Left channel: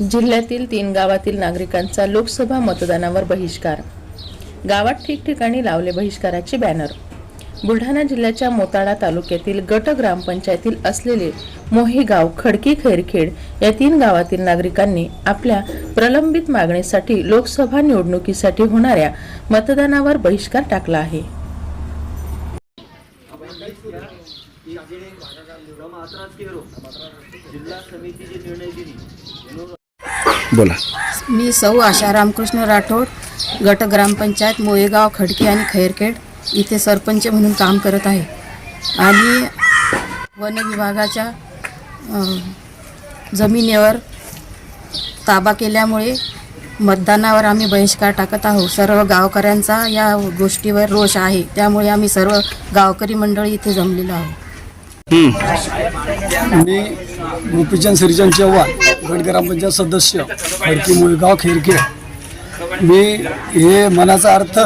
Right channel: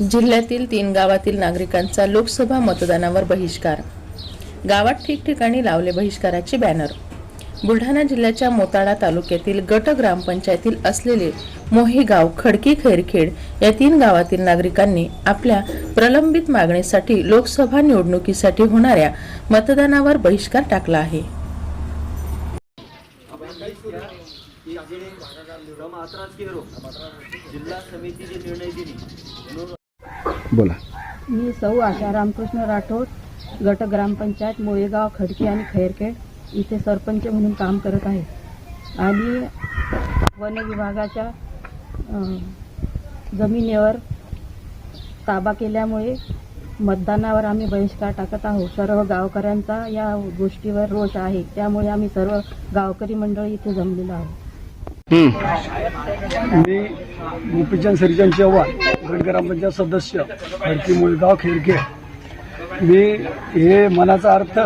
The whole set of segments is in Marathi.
जिल्ह्यातील तीन गावातील नागरिकांचा लोकसभा मतदानावर बहिष्कार. गावात ठिकठिकाणी लावले बहिष्काराचे बॅनर बुलढाणा जिल्ह्याच्या मोताळा तालुक्यातील गट ग्रामपंचायतील असलेले मोही गाव खडकी खैरखेड या तीन गावातील नागरिकांनी आपल्या प्रलंबित मागणीसाठी लोकसभा निवडणुकीसाठी होणाऱ्या मतदानावर बहिष्कार टाकला आहे. जिल्हा समिती जे निर्णय दिली. बोला. मी सौ आशा रामकृष्ण राठोड गट ग्रामपंचायत मोयेगाव खडकी आणि खैरखेड इथे सरपंच म्हणून काम करत आहे. आणि वन विभागाच्या जमिनीवर ताबा केल्यामुळे मतदानावर आम्ही बहिष्कार टाकत आहोत. सर्व गावकऱ्यांचा या गोष्टीवर रोष आहे. त्यामुळे आम्ही सर्व गावकरी मंडळी इथे जमलेलो आहोत. मी गोपीचंद श्रीचंद चव्हाण गट ग्रामपंचायत सदस्य खडकी मुळगाव खेरके मी हे मनाचा अर्थ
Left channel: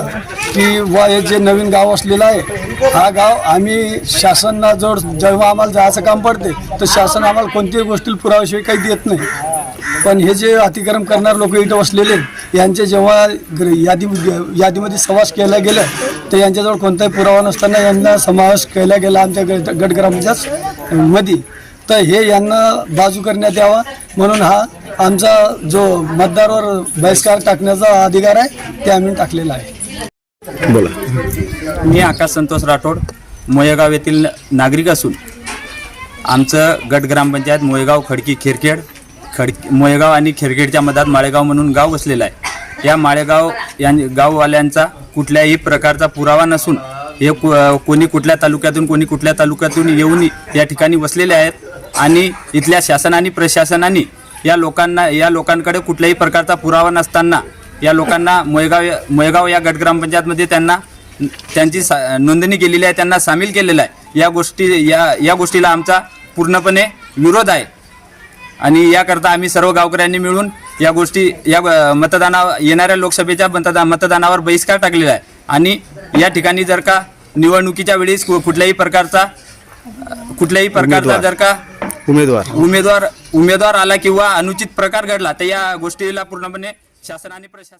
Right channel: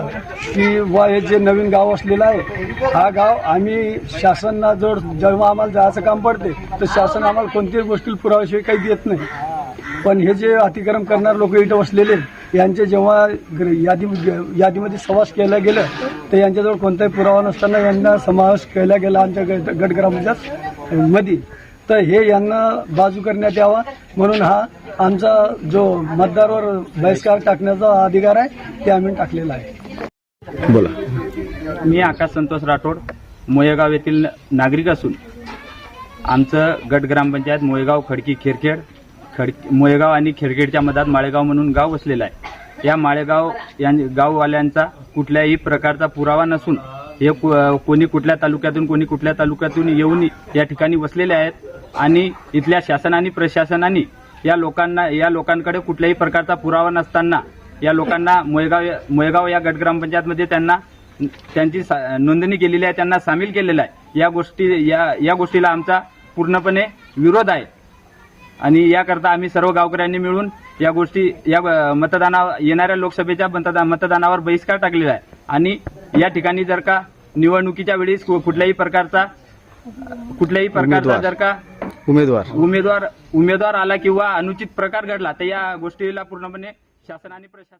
की वा हे जे नवीन गाव असलेलं आहे हा गाव आम्ही शासनाजवळ जेव्हा आम्हाला जायचं काम पडते तर शासन आम्हाला कोणत्याही गोष्टी पुराव्याशिवाय काही देत नाही. पण हे जे अतिक्रम करणारे लोक इथं बसलेले आहेत, यांचे जेव्हा यादी यादीमध्ये समावेश केला गेला तर यांच्याजवळ कोणताही पुरावा नसताना यांना समावेश केला गेला आमच्या गट गट ग्रामपंचायत मध्ये तर हे यांना बाजू करण्यात यावा. म्हणून हा आमचा जो मतदारावर बहिष्कार टाकण्याचा अधिकार आहे ते आम्ही टाकलेला आहे. बोला. मी आकाश संतोष राठोड मोयगाव येथील नागरिक असून आमचं गट ग्रामपंचायत मोयगाव खडकी खेरखेड खड मोयगाव आणि खेरखेडच्या मधात माळेगाव म्हणून गाव वसलेलं आहे. या माळेगाव या गाववाल्यांचा कुठल्याही प्रकारचा पुरावा नसून हे कु कोणी कुठल्या तालुक्यातून कोणी कुठल्या तालुक्यातून येऊन या ठिकाणी वसलेले आहेत आणि इथल्या शासनाने प्रशासनाने या लोकांना या लोकांकडे कुठल्याही प्रकारचा पुरावा नसताना या लोकांना मोयगाव मोयगाव या गट ग्रामपंचायतमध्ये त्यांना त्यांची सा- नोंदणी केलेली आहे त्यांना सामील केलेलं आहे. या गोष्टी या या गोष्टीला आमचा पूर्णपणे विरोध आहे. आणि याकरता आम्ही सर्व गावकऱ्यांनी मिळून या गोष्टी या मतदाना येणाऱ्या लोकसभेच्या मतदा मतदानावर बहिष्कार टाकलेला आहे आणि या ठिकाणी जर का निवडणुकीच्या वेळेस कुठल्याही प्रकारचा कुठल्याही प्रकारचा. जर का उमेदवार उमेदवार उमेदवार आला किंवा अनुचित प्रकार घडला तर या गोष्टीला पूर्णपणे शासन आणि प्रशासन